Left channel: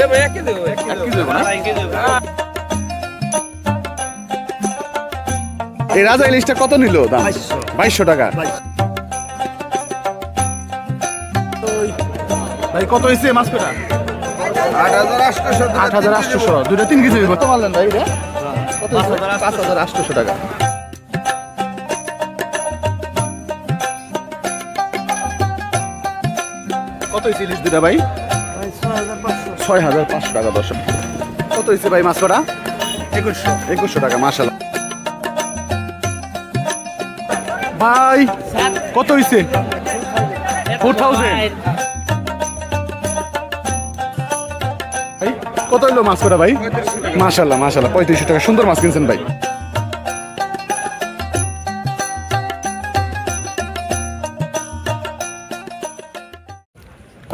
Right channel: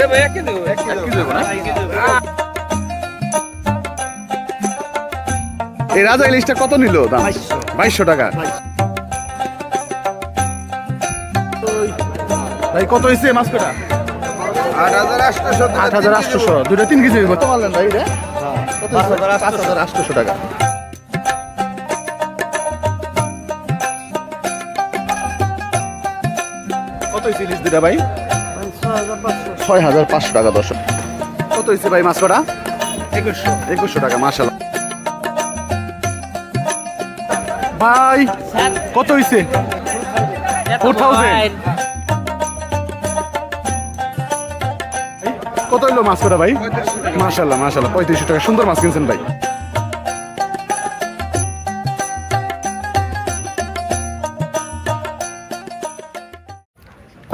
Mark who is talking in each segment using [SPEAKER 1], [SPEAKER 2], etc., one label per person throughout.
[SPEAKER 1] এটা ভাই এক কেজি এক
[SPEAKER 2] এক কেজি না?
[SPEAKER 1] এক কেজি হবে।
[SPEAKER 2] এই রাজা ইলিশটা কত নিল দাম? বাইশশো। টাকা। ভাই কত হয়েছে মাছ কটা
[SPEAKER 3] আট হাজার আটশোশো
[SPEAKER 2] আট হাজার আটশোশো দুইটা তিন কেজি কত মারলেন ভাই রে কত পাঁচ হাজার আটশোশো টাকা। কত হয়েছে ইলিশ দুটা ভাই? ছয় হাজার পাঁচশো। টাকা দশ কত হয়েছে ভাই মাছ কটা? একুশশো। একুশশো টাকা মাসাল ভাই কত হয়েছে ফোর থাউজেন্ড। কত হইল মাছ কটা ভাই? মাশাল্লাহ মাশাল্লাহ পঁয়ত্রিশশো টাকা। সুন্দর মাছ কিনছেন ভাই।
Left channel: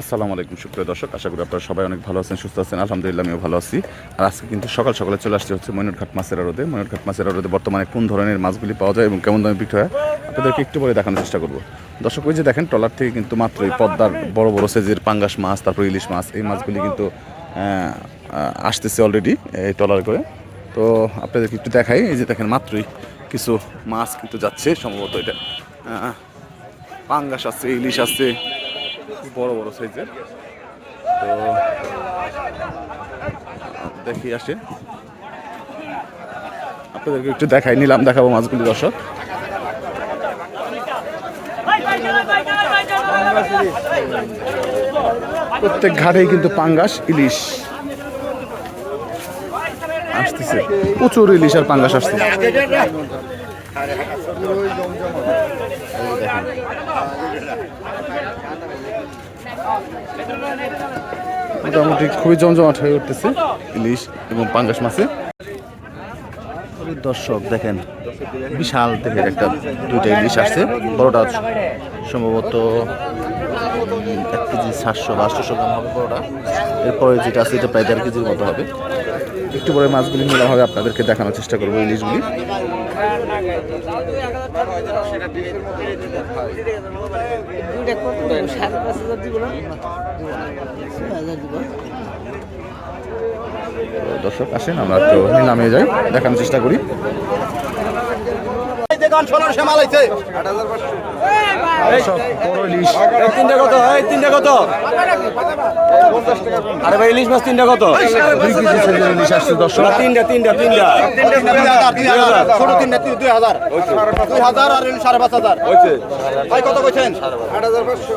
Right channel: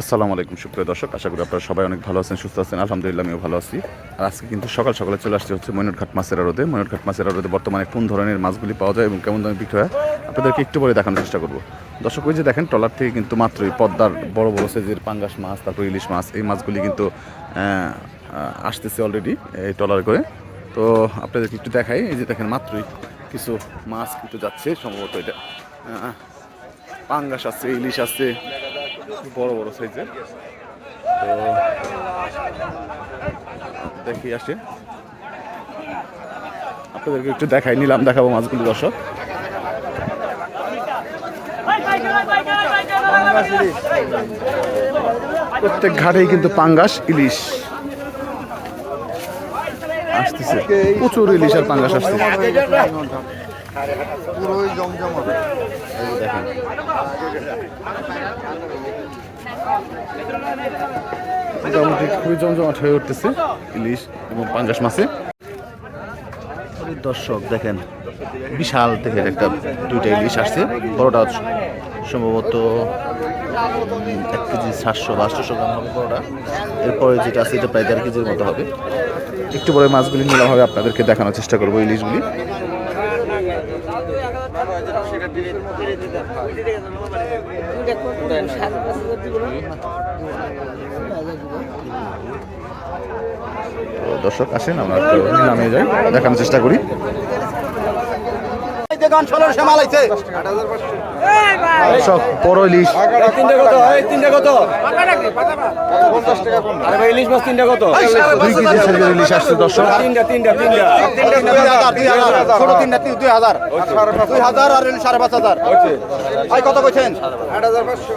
[SPEAKER 2] আসসালামু আলাইকুম, সুপ্রিয় দর্শক। আশা করি আপনারা সবাই অনেক ভালো আছেন, সুস্থ আছেন। আলহামদুলিল্লাহ, আমিও ভালো আছি। আর আজকে কিন্তু সকাল সকালে চলে আসতে হচ্ছে ময়নটঘাট মাছের রোদে ময়নটঘাট মাছের রোদে বর্তমানে কোন ধরনের মাছগুলি পাওয়া যায় এবং কেমন দামে বিক্রি হয়, আপনাদেরকে একটু পরে দেখানোর চেষ্টা করব। দর্শক, ওই যে দেখেন, ট্রলার থেকে কিন্তু মাত্রই পদ্মার বড় বড় সাইজের পাঙ্গাস মাছ, তারপর ইলিশ মাছ, এই মাছগুলি কিন্তু আসতেছে অলরেডি এই ট্রলার করে। তো আপনাদেরকে একটু দেখাই, এই যে দেখেন, মাত্রই কিছু মাছ কিন্তু যাচ্ছে। সম্ভবত এটা পাঙ্গাস আছে, ইলিশ আছে বড় বড় সাইজের। তো দেখি, আসে। আপনাদেরকে একটু দেখাই, নিলাম, দেখাবো মাছগুলি, দর্শক। প্রত্যেক ঘাটেই কিন্তু পাঙ্গাস, ইলিশ। আসতেছে। প্রচুর ইলিশ আর পাঙ্গাস আসছে দেখেন। মোটামুটি খুবই জমজমাট হয়ে উঠতেছে ইলিশ এবং পাঙ্গাস মাছে। দর্শক, দেখেন, বিশাল দেখেন একটা দুইটা ইলিশ আসছে। বড়টা সম্ভবত এক কেজি সাতশো বা আটশোশো গ্রাম হবে বড়টা এরপরে যেটা আছে, এটা প্রায় দেড় কেজির মতো হবে। একটু পরে মাছগুলি নিলাম হবে, আপনাদেরকে দেখানোর চেষ্টা করব ইলিশগুলি তো দর্শক আসেন আমরা একটু নামিয়ে যাই দেখানোর চেষ্টা করি। দর্শক বড় ইলিশ।
[SPEAKER 1] এই তিনটা কত? তিনটা কত? আরে ভাই ইলিশ মাছ তিনটা কত?
[SPEAKER 2] দুই কেজি সাইজের ইলিশ আসছে দর্শক।
[SPEAKER 1] তিনটা তিনটা তিনটা।
[SPEAKER 3] ছোট তিনটা তিন- দুই হাজার। দুই হাজার আর সাড়ে পাঁচ হাজার। ভাই কত কইছেন? আট হাজার পাঁচশো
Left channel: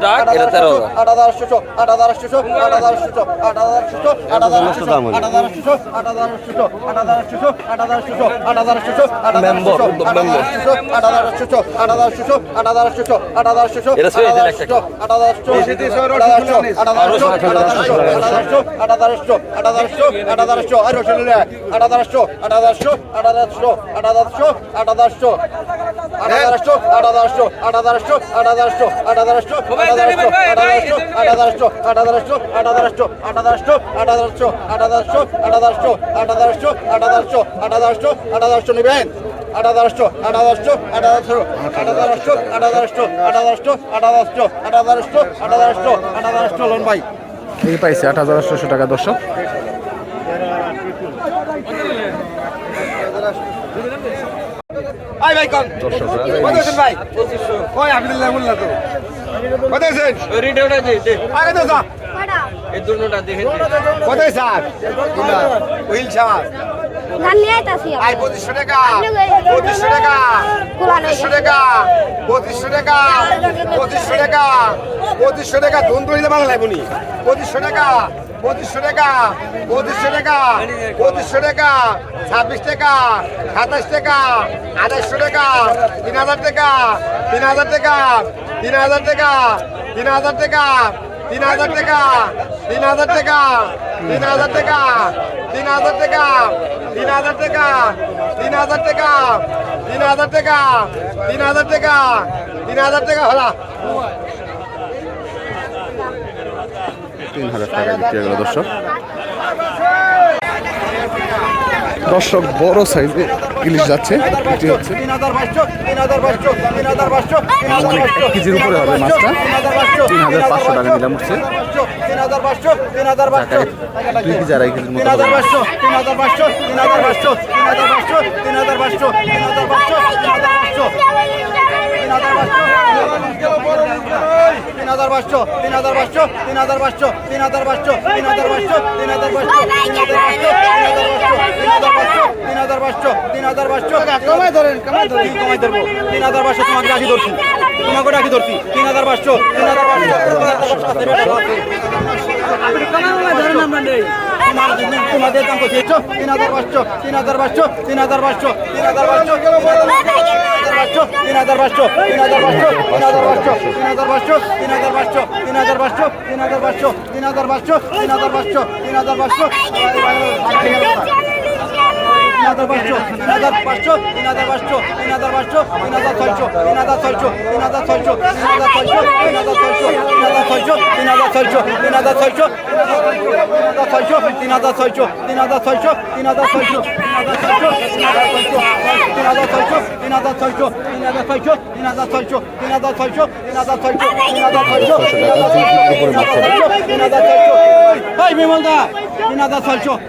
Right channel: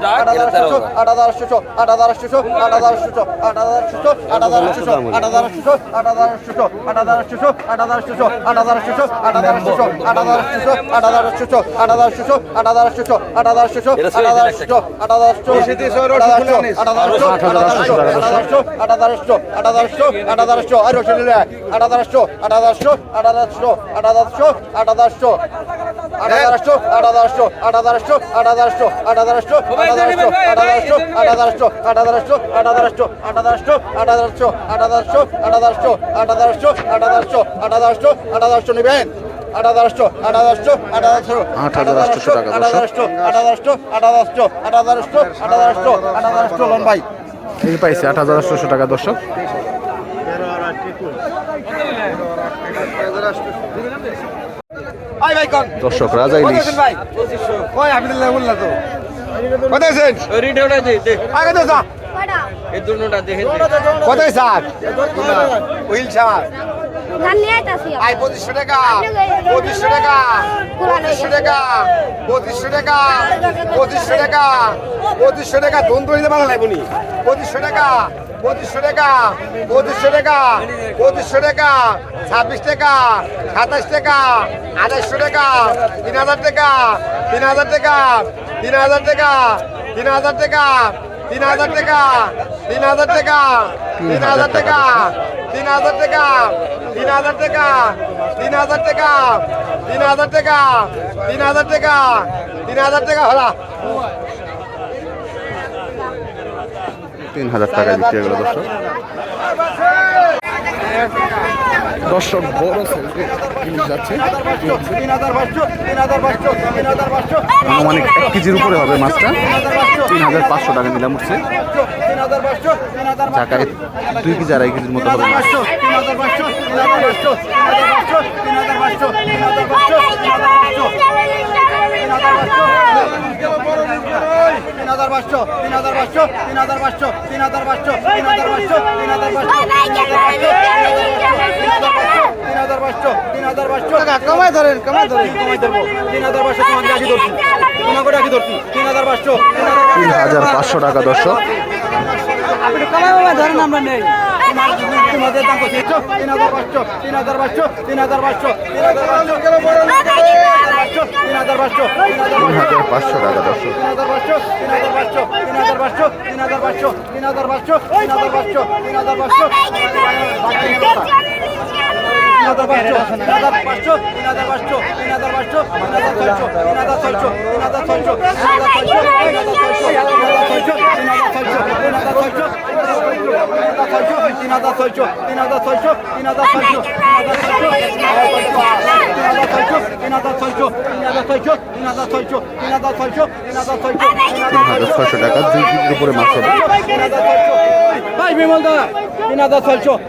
[SPEAKER 3] আটাদারশো আটাদারশো আটাদারশো আটাদারশো আটাদারশো নেবেন আট হাজার আট হাজার আট হাজার
[SPEAKER 2] আট হাজার টাকা
[SPEAKER 3] আট হাজার আট হাজার আট হাজার আট হাজার আট হাজার আট হাজার লোন ভাই?
[SPEAKER 2] এই পাইছে আট হাজার আটশোশো টাকা দর্শক দর্শক রাজা
[SPEAKER 3] ভাই কত
[SPEAKER 1] দে
[SPEAKER 3] আগে দে যা
[SPEAKER 1] এই দুটোটা দেখে
[SPEAKER 3] কত স্যার উইল স্যার আই পঁচিশশো টাকা পঁচিশশো টাকা পঁচিশশো টাকা পঁচিশশো টাকা পঁচিশশো টাকা পঁচিশশো টাকা ধন ধরে বাংলা লাগবনি পঁচিশশো টাকা পঁচিশশো টাকা পঁচিশশো টাকা পঁচিশশো টাকা ছাব্বিশ টাকা সাতাশ টাকা আঠাশশো টাকা তিন হাজার টাকা তিন হাজার টাকা তিন হাজার টাকা তিন হাজার টাকা তিন হাজার টাকা তিন হাজার টাকা তিন হাজার টাকা তিন হাজার টাকা তিন হাজার টাকা তিন হাজার টাকা তিন হাজার টাকা তিন হাজার টাকা তিন হাজার টাকা হলা
[SPEAKER 2] তিন হাজার হয়ে গেল দর্শক দর্শক বড় সাইজে ইলিশ যাচ্ছে বিক্রি হচ্ছে আনুমানিক এক কেজির উপরে হবে মাছটা তিন হাজার পাঁচশো টাকা নিলাম উঠছে টাকায় দুই কেজি আড়াই কেজির মতো হবে মাছ
[SPEAKER 3] তিন হাজার পাঁচশো তিন হাজার পাঁচশো তিন হাজার পাঁচশো তিন হাজার পাঁচশো তিন হাজার পাঁচশো তিন হাজার পাঁচশো তিন হাজার পাঁচশো তিন হাজার পাঁচশো তিন হাজার পাঁচশো তিন হাজার পাঁচশো তিন হাজার পাঁচশো তিন হাজার পাঁচশো হাজার কমাই ধরেন কমাই ধরেন কমাই ধরবো তিন হাজার পাঁচশো তোমাকে রাখি ধরছি তোমাকে রাখি ধরছি তিন হাজার পাঁচশো তিন হাজার
[SPEAKER 2] পাঁচশো টাকা দর্শক
[SPEAKER 3] তোমাদের দাম কত তিন হাজার পাঁচশো তিন হাজার পাঁচশো তিন হাজার পাঁচশো তিন হাজার পাঁচশো তিন হাজার পাঁচশো তিন হাজার
[SPEAKER 2] তিন হাজার পাঁচশো
[SPEAKER 3] তিন হাজার পাঁচশো তিন হাজার পাঁচশো তিন হাজার পাঁচশো তিন হাজার পাঁচশো তিন হাজার পাঁচশো তিন হাজার পাঁচশো ছয়শো টাকা দুই কেজির উপরে মাছ হবে তিন হাজার পাঁচশো তিন হাজার পাঁচশো তিন হাজার পাঁচশো তিন হাজার পাঁচশো তিন হাজার ছয়শো তিন হাজার ছয়শো তিন হাজার ছয়শো তিন হাজার ছয়শো তিন হাজার ছয়শো তিন হাজার ছয়শো তিন হাজার ছয়শো তিন হাজার ছয়শো তিন হাজার ছয়শো তিন হাজার ছয়শো তিন হাজার ছয়শো তিন হাজার ছয়শো তিন হাজার ছয়শো তিন হাজার ছয়শো তিন হাজার ছয়শো তিন হাজার ছয়শো
[SPEAKER 2] তিন হাজার ছয়শো টাকা দুই কেজির উপরে মাছ হবে
[SPEAKER 3] ভাই বিমলদা তিন হাজার ছয়শো তিন হাজার ছয়শো তিন হাজার ছয়শো তিন হাজার ছয়শো তিন হাজার ছয়শো তিন হাজার ছয়শো তিন হাজার ছয়শো তিন হাজার ছয়শো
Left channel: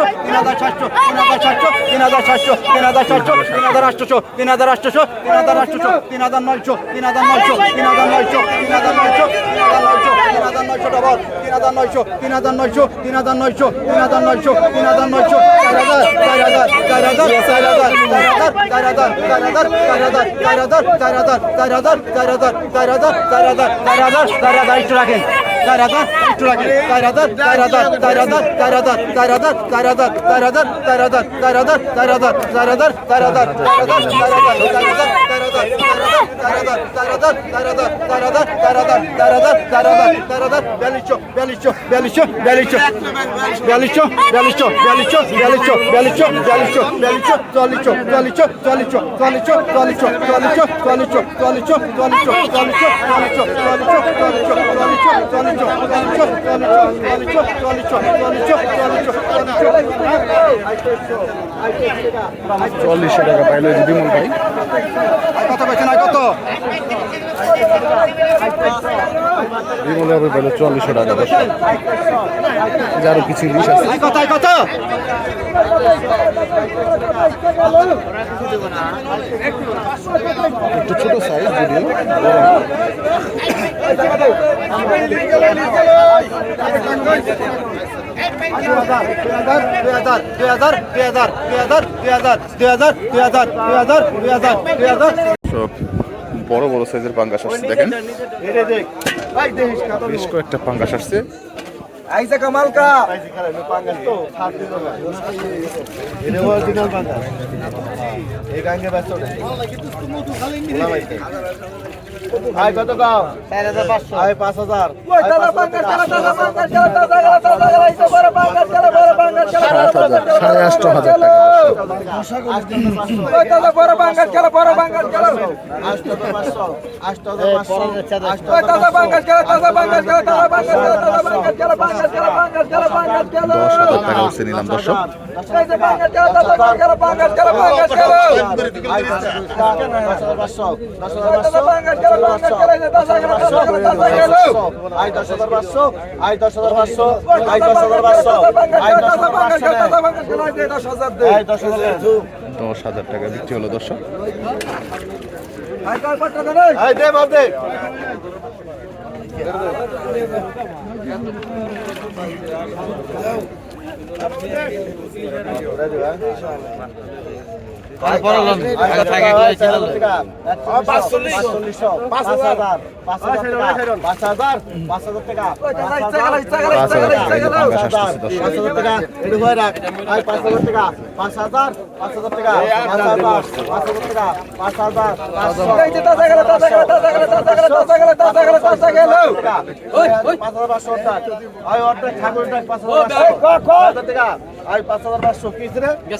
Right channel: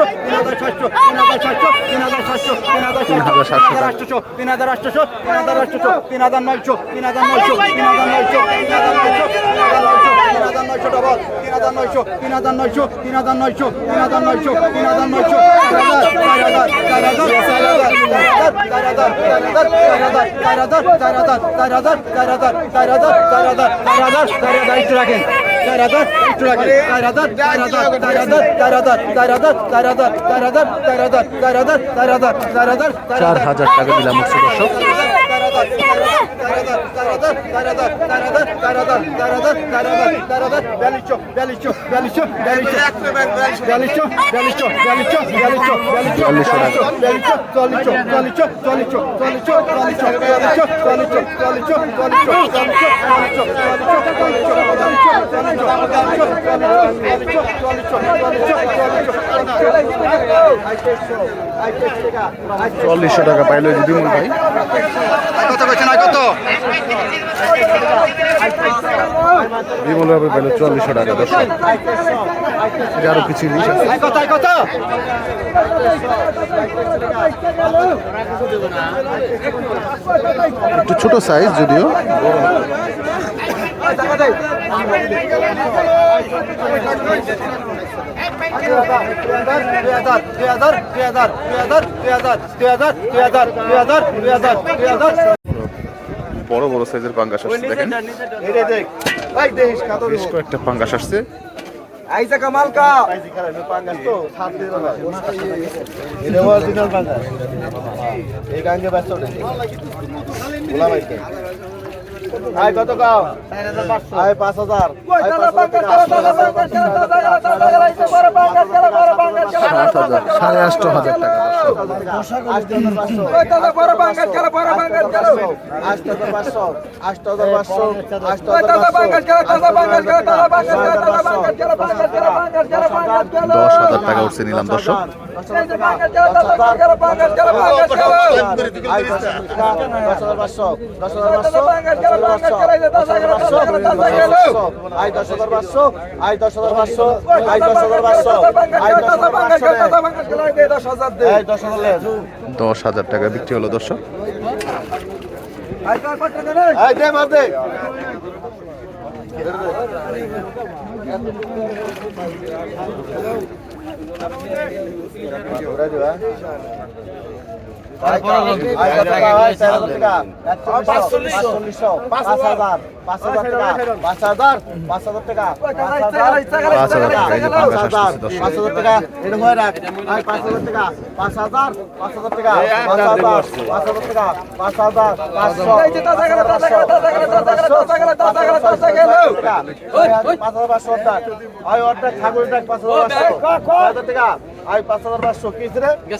[SPEAKER 3] তিন হাজার সাতশো তিন হাজার সাতশো তিন হাজার সাতশো তিন হাজার সাতশো তিন হাজার সাতশো তিন হাজার সাতশো তিন হাজার আটশো তিন হাজার আটশো তিন হাজার নয়শো তিন হাজার নয়শো তিন হাজার নয়শো তিন হাজার নয়শো তিন হাজার নয়শো তিন হাজার নয়শো ডবল তিন হাজার নয়শো তিন হাজার নয়শো তিন হাজার নয়শো তিন হাজার নয়শো তিন হাজার নয়শো চার হাজার চার হাজার চার হাজার চার হাজার চার হাজার চার হাজার চার হাজার চার হাজার চার হাজার চার হাজার চার হাজার চার হাজার চার হাজার একটু রাখেন চার হাজার একটু রাখেন চার হাজার চার হাজার চার হাজার চার হাজার চার হাজার চার হাজার চার হাজার চার হাজার চার হাজার চার হাজার চার হাজার চার
[SPEAKER 2] চার হাজার টাকা দিলাম হচ্ছে দর্শক চল্লিশশো টাকা পাইলো যদি মূল ভাই।
[SPEAKER 3] কত কইছে না কত
[SPEAKER 2] টাকা দশ আরও কিছু ইলিশ আছে। একটু ছোট সাইজ যদিও। বড়। বড় সাইজের পাঙ্গাস আসছে দেখেন বেশ কয়েকটা পাঙ্গাস আসছে
[SPEAKER 3] আইসা এই গাঙ্গে ব্যস্ত আয় কত কাও আয় পাঁচ হাজার।
[SPEAKER 2] সাত হাজার সাড়ে আষ্ট হাজার টাকা। দশ হাজার টাকা উঠছে নিলাম দর্শক।
[SPEAKER 3] দশ হাজার দশ হাজার
[SPEAKER 2] টাকা বিক্রি হলো দর্শক।
[SPEAKER 3] পাঁচ হাজার পাঁচশো কি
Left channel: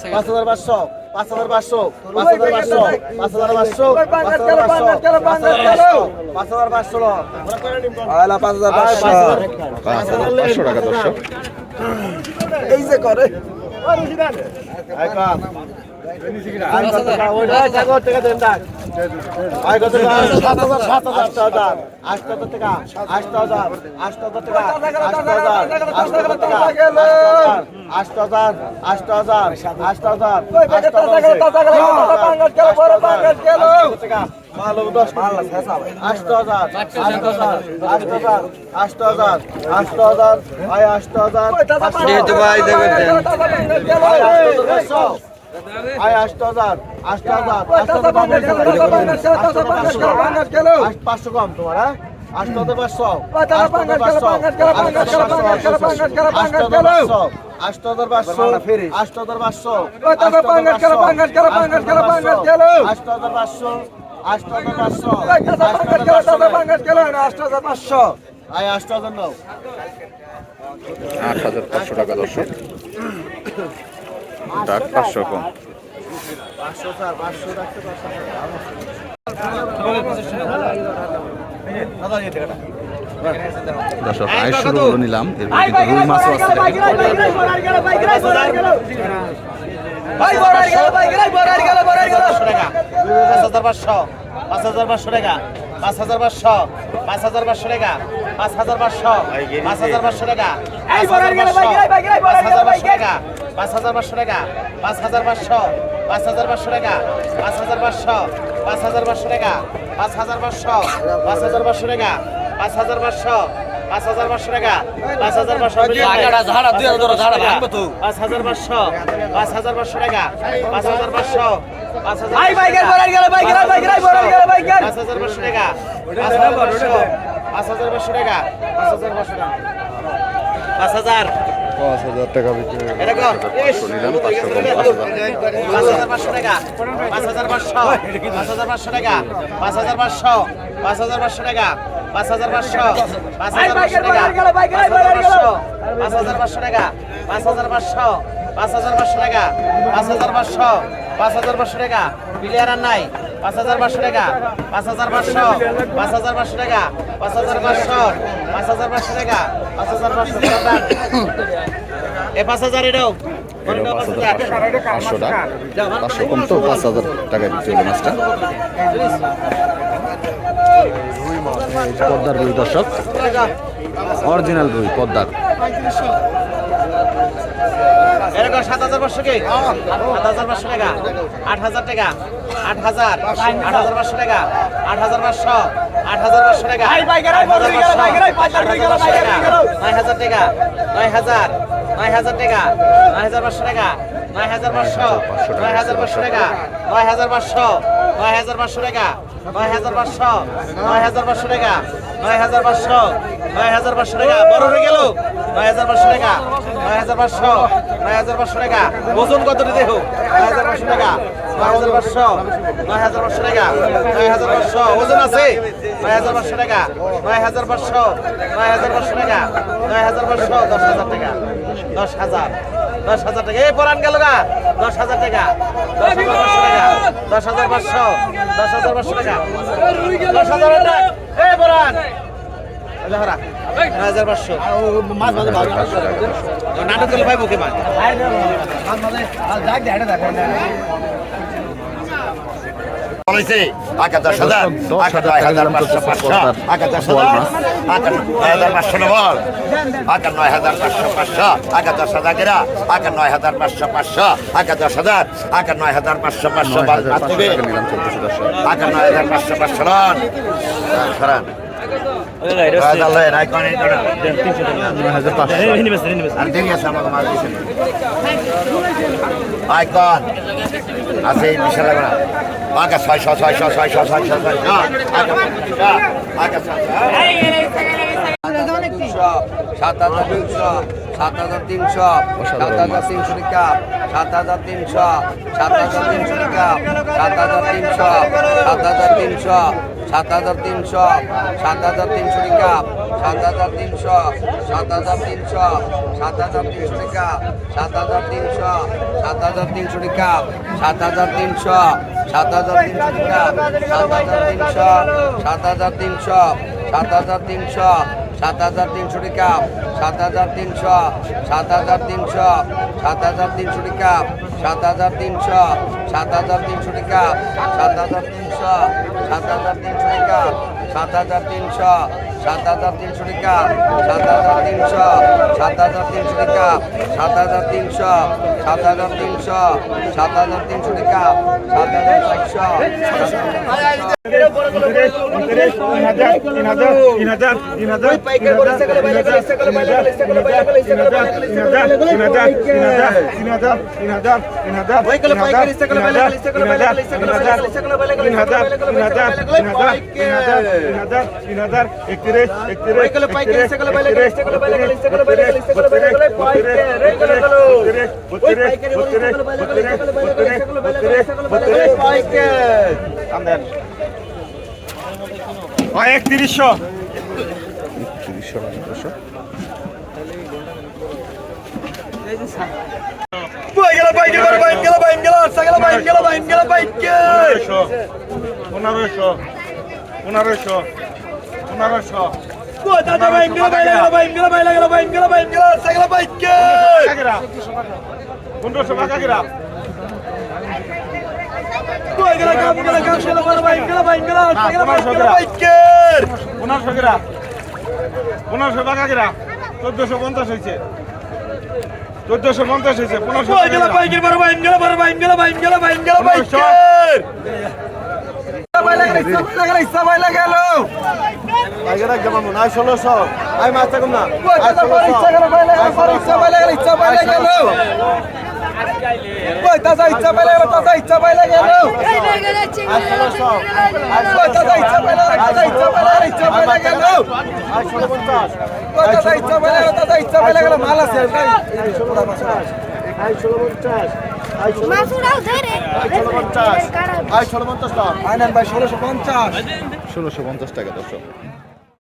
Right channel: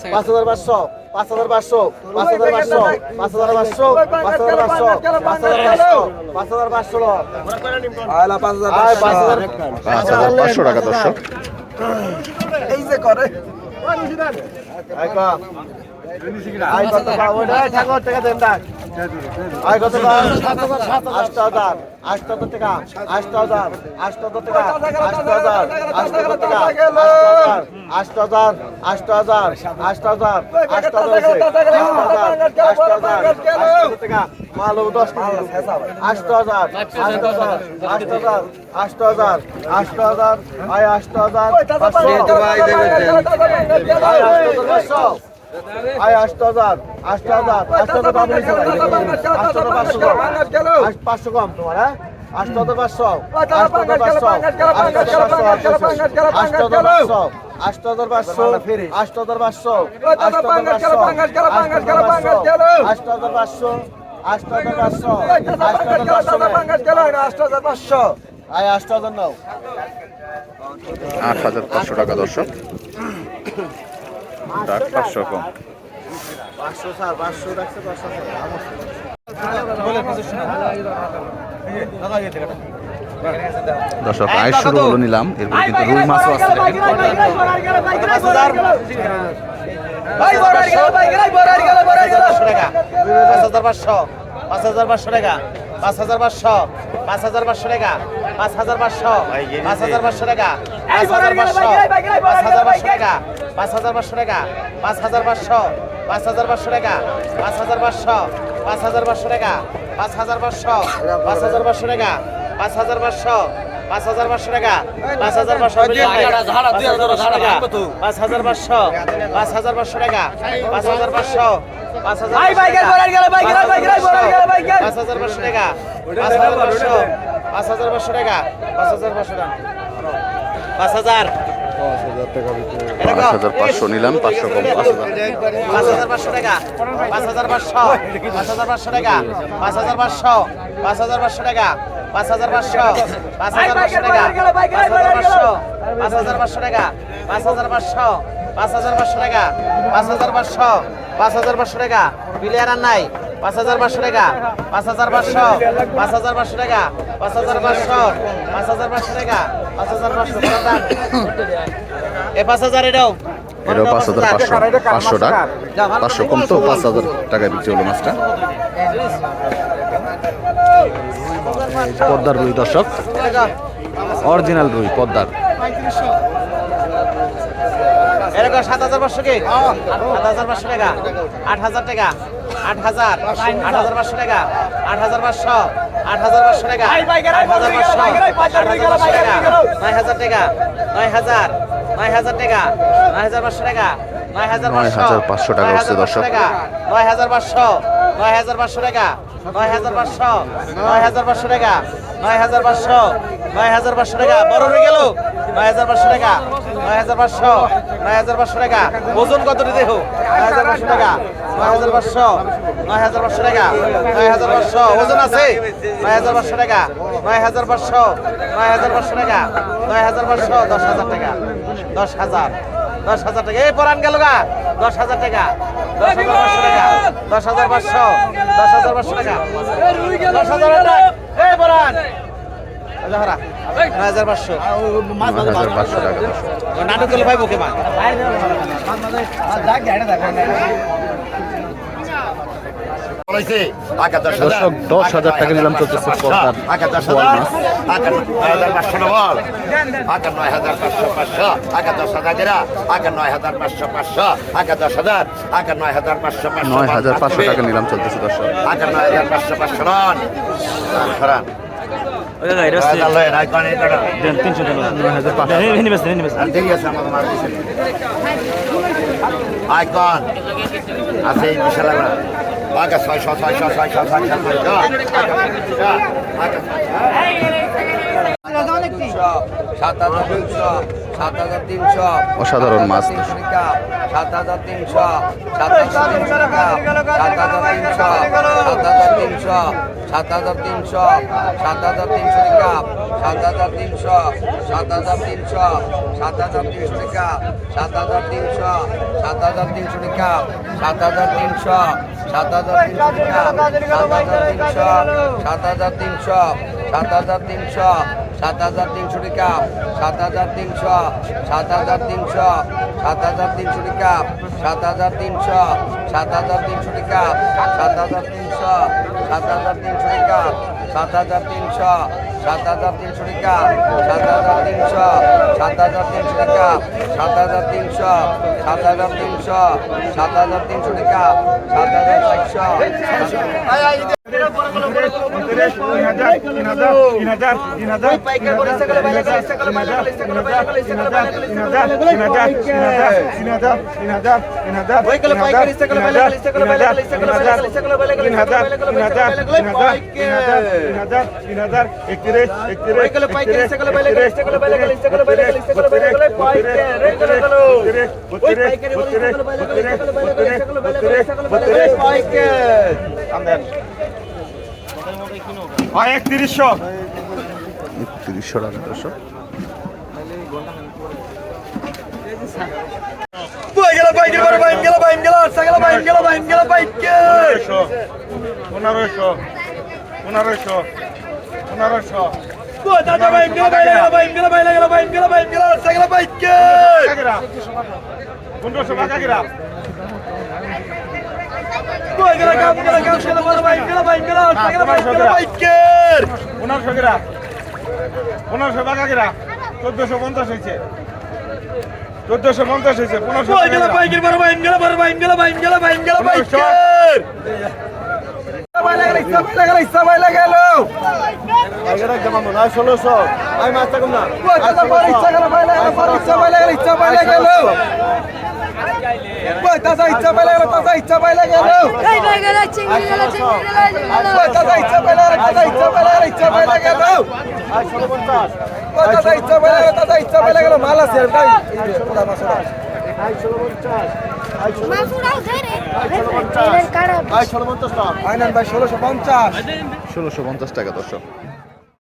[SPEAKER 3] পাঁচ হাজার পাঁচশো পাঁচ হাজার পাঁচশো পাঁচ হাজার পাঁচশো পাঁচ হাজার পাঁচশো পাঁচ হাজার পাঁচশো পাঁচ হাজার পাঁচশো পাঁচ হাজার পাঁচশো। পাঁচ হাজার
[SPEAKER 2] পাঁচশো টাকা দর্শক।
[SPEAKER 3] এই যে করে। মালব দশ আষ্ট হাজার আষ্ট হাজার আষ্ট হাজার আষ্ট হাজার আষ্ট হাজার আয় আষ্ট হাজার আয় আষ্ট হাজার আয় আষ্ট হাজার আষ্ট হাজার আষ্ট হাজার পাঁচশো কম আষ্ট পাঁচশো কম তোমার হ্যাঁ আষ্ট হাজার পাঁচশো আষ্ট হাজার পাঁচশো আষ্ট হাজার পাঁচশো আষ্ট হাজার পাঁচশো আষ্ট হাজার পাঁচশো আষ্ট হাজার পাঁচশো আষ্ট হাজার পাঁচশো আষ্ট হাজার পাঁচশো আষ্ট হাজার পাঁচশো আষ্ট হাজার পাঁচশো আয় আষ্ট হাজার নাও
[SPEAKER 2] আট হাজার পাঁচশো টাকা দর্শক ডাক পাঁচশো কম। দর্শক, আয় শুরু হলো নিলাম, এরপর কিন্তু রুই মাছও আছে
[SPEAKER 3] পাঁচ হাজার পাঁচশো টাকা, পাঁচ হাজার পাঁচশো পাঁচ হাজার পাঁচশো টাকা। পাঁচ হাজার পাঁচশো পাঁচ হাজার পাঁচশো টাকা পাঁচ হাজার পাঁচশো টাকা পাঁচ হাজার পাঁচশো টাকা পাঁচ হাজার পাঁচশো পাঁচ হাজার পাঁচশো টাকা পাঁচ হাজার পাঁচশো পাঁচ হাজার পাঁচশো টাকা পাঁচ হাজার পাঁচশো পাঁচ হাজার পাঁচশো টাকা পাঁচ হাজার পাঁচশো পাঁচ হাজার পাঁচশো টাকা পাঁচ হাজার পাঁচশো টাকা পাঁচ হাজার পাঁচশো পাঁচ হাজার পাঁচশো টাকা পাঁচ হাজার পাঁচশো পাঁচ হাজার পাঁচ হাজার পাঁচশো টাকা পাঁচ হাজার পাঁচশো পাঁচ হাজার পাঁচশো টাকা পাঁচ হাজার পাঁচশো টাকা পাঁচ হাজার
[SPEAKER 2] পাঁচ হাজার পাঁচশো নিলাম পাঁচশো কম পাঁচ হাজার
[SPEAKER 3] পাঁচ হাজার পাঁচশো টাকা পাঁচ হাজার পাঁচশো পাঁচ হাজার পাঁচশো টাকা পাঁচ হাজার পাঁচশো পাঁচ হাজার পাঁচশো টাকা পাঁচ হাজার পাঁচশো পাঁচ হাজার পাঁচশো টাকা পাঁচ হাজার পাঁচশো টাকা পাঁচ হাজার পাঁচশো পাঁচ হাজার পাঁচশো টাকা পাঁচ হাজার পাঁচশো পাঁচ হাজার পাঁচশো টাকা প্লেয়ার আর নাই পাঁচ হাজার পাঁচশো টাকা। পাঁচ হাজার পাঁচশো। পাঁচ হাজার পাঁচশো টাকা। পাঁচ হাজার পাঁচশো। পাঁচ হাজার পাঁচশো টাকা। পাঁচ হাজার পাঁচশো এ পাঁচ হাজার এটাও।
[SPEAKER 2] এটাও পাঁচ হাজার পাঁচশো। পাঁচশো টাকা। পাঁচশো কম তো পাঁচ হাজার টাকায় বিক্রি হলো মাছটা। পদ্মার রুই দর্শক। অরিজিনাল রুই পদ্মার
[SPEAKER 3] এরকম সাত হাজার পাঁচশো কি? আট হাজার পাঁচশো টাকা। আট হাজার টাকা। আট হাজার। আট হাজার পাঁচশো টাকা। আট হাজার পাঁচশো। আট হাজার পাঁচশো টাকা। নয় হাজার টাকা নয় হাজার পাঁচশো। টাকা নয় হাজার টাকা। নয় হাজার। নয় হাজার টাকা। নয় হাজার পাঁচশো টাকা। নয় হাজার
[SPEAKER 2] নয় হাজার পাঁচশো। টাকা।
[SPEAKER 3] নয় হাজার পাঁচশো। নয় হাজার পাঁচশো টাকা নয় হাজার পাঁচশো নয় হাজার পাঁচশো টাকা নয় হাজার পাঁচশো নয় হাজার পাঁচশো টাকা বড় হয়ে গেল নয় হাজার পাঁচশো টাকা নয় হাজার পাঁচশো নয় হাজার পাঁচশো টাকা ওজন কত দেখো নয় হাজার পাঁচশো টাকা নয় হাজার পাঁচশো নয় হাজার পাঁচশো টাকা নয় হাজার পাঁচশো ওজন আছে নয় হাজার পাঁচশো টাকা নয় হাজার পাঁচশো নয় হাজার পাঁচশো টাকা নয় হাজার পাঁচশো দশ হাজার টাকা দশ হাজার দশ হাজার টাকা এই পরান গেল গা দশ হাজার টাকা দশ হাজার পাঁচশো টাকা দশ হাজার পাঁচশো দশ হাজার পাঁচশো টাকা দশ হাজার টাকা এই পরান নাটক ভাই বুকে নয় হাজার পাঁচশো
[SPEAKER 2] নয় হাজার পাঁচশো টাকা দর্শক
[SPEAKER 3] নাটক করলে পাইবো কি মান
[SPEAKER 2] দর্শক দশ হাজার টাকা নিলাম চলতেছে পদ্মার বোয়াল মাছ নয় হাজার পাঁচশো টাকা নিলাম চলতেছে দর্শক নয় হাজার পাঁচশো
[SPEAKER 4] আইকন আছে বিশাল আগা ছয়শো ছয়শো ছয়শো ছয়শো
[SPEAKER 3] সাত হাজার তিনশো সাত হাজার তিনশো
[SPEAKER 2] অসাধারণ মাছ।
[SPEAKER 3] সাত হাজার তিনশো সাত হাজার তিনশো টাকা সাত হাজার তিনশো সাত হাজার তিনশো সাত হাজার তিনশো সাত হাজার তিনশো টাকা সাত হাজার তিনশো সাত হাজার তিনশো সাত হাজার তিনশো টাকা সাত হাজার তিনশো সাত হাজার তিনশো টাকা সাত হাজার তিনশো সাত হাজার তিনশো টাকা সাত হাজার তিনশো সাত হাজার তিনশো সাত হাজার তিনশো সাত হাজার তিনশো সাত হাজার তিনশো সাত হাজার তিনশো টাকা সাত হাজার তিনশো সাত হাজার তিনশো টাকা সাত হাজার তিনশো সাত হাজার তিনশো টাকা সাত হাজার তিনশো সাত হাজার তিনশো টাকা সাত হাজার তিনশো সাত হাজার তিনশো টাকা সাত হাজার তিনশো সাত হাজার তিনশো সাত হাজার তিনশো টাকা সাত হাজার তিনশো
[SPEAKER 1] একত্রিশশো
[SPEAKER 2] তিরিশশো টাকা দর্শক
[SPEAKER 1] পনেরোশো পনেরোশো পনেরোশো পনেরোশো কাকাকিরা পনেরোশো কিরা পনেরোশো কাকাকিরা চোদ্দশো পঞ্চাশ হয়েছে চোদ্দশো পঞ্চাশ হয়েছে পনেরোশো পনেরোশো
[SPEAKER 3] ষোলোশো আমি মাছ থাকুন না
[SPEAKER 5] মাসুরাও ধরে
[SPEAKER 3] ষোলোশো পঞ্চাশ।
[SPEAKER 2] ষোলোশো পঞ্চাশ। টাকা দর্শক।